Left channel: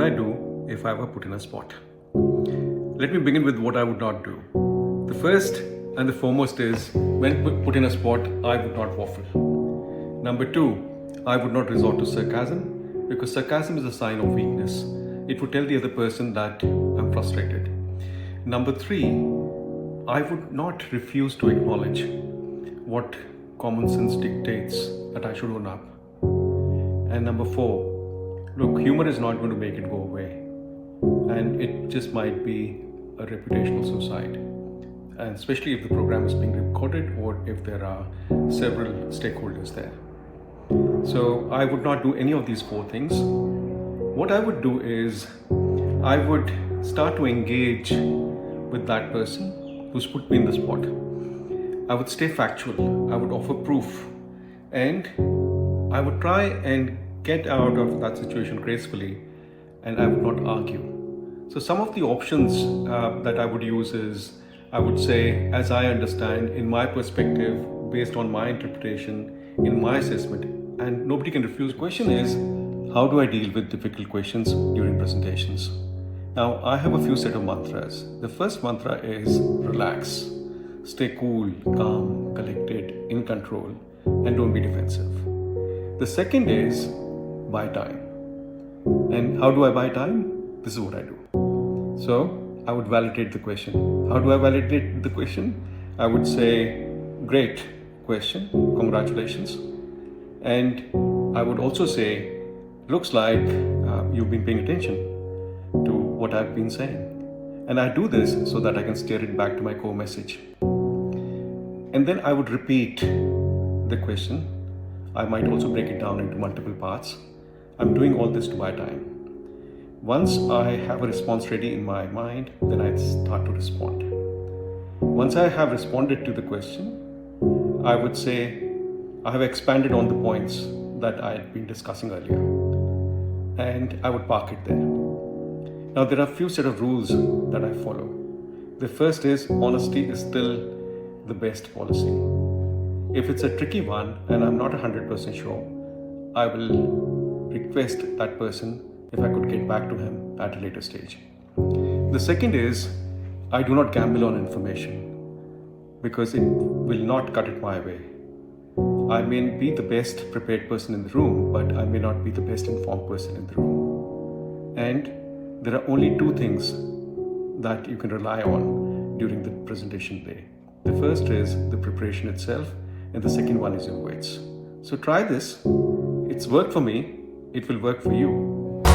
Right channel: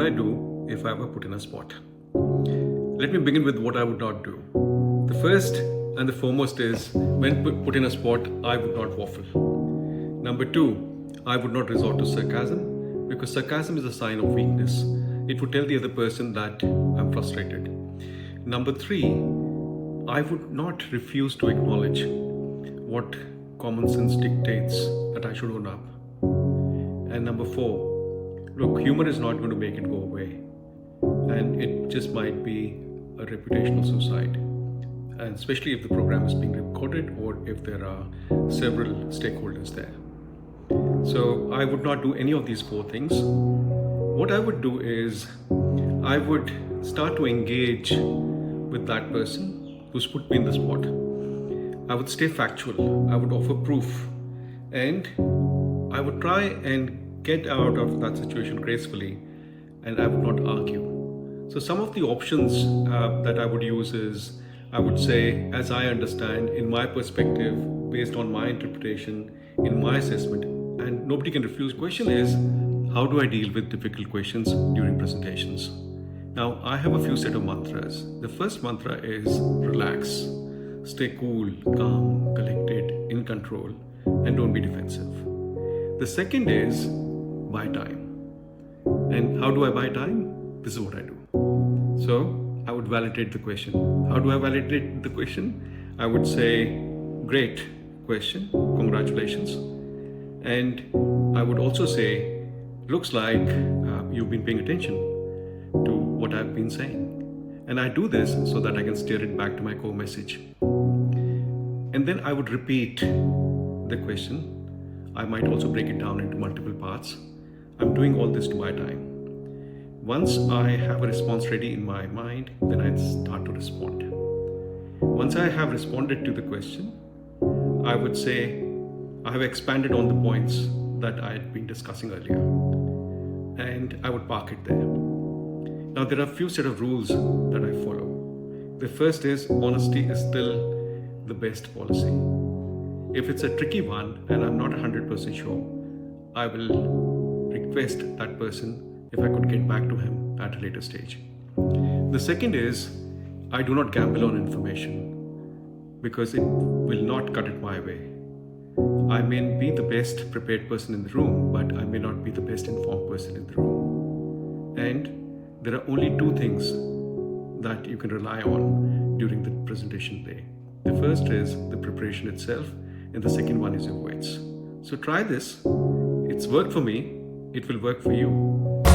would I do if I were put in a spot? Let me begin with what I would not do. The first and the foremost is, when put in a spot, I would not waffle. Number two, I would not resort to sarcasm, because sarcasm is a sign of weakness. It would tell the other person that I'm frustrated. Number three, I would not refuse to acknowledge what common sense dictates that I should own up. And number four, look, humor is not going to make it go away. And it just might be a reputational suicide. And especially if the program is being recorded or if there are several stakeholders there. So I would not do any of these four things. What I would do is I would start to engage with that person who's put me in the spot. I would stay factual. I would offer proof. And I would try and get out of that situation gracefully, and I would not argue. So some of the options that I would use is, I would say, as I understand, in my perspective, based on my interpretation, in my assessment, and nobody can refuse. Question is, how do I deal with difficult questions during presentations? Now, I have a few set of mantras. The first mantra is relax, stay cool, calm, collected, in control, and don't be defensive. The second is buy time. And how do I buy time? This is what I do. So I would validate the question. How do I validate the question? I would say, great question, congratulations. And I would also say, looks like you've been paying attention to what I've been saying. And I do this so that I can steer it back to my core message. And then I would repeat the question. I might also break it down into multiple parts. I'm doing all this to buy time. Once I have a response ready in my mind, then I start to respond. Once I have responded to the question, I would say I have expanded on the points that I had been discussing earlier. And I would park it there. Now, there are a few set of rules that I follow. The first is, honesty is still the best policy. If it's a tricky one and I'm not 100% sure, I will request that person if I could get back to him at a later stage. The second is, I do not gamble on information because it will not cut it my way. I may be the best prepared person in the room, but I may not be the best informed person in the room. And there are only two things that you can rely on during the presentation day. The first is the preparation itself, and the second one is your words. So try this. It's worked for me. It will work for you.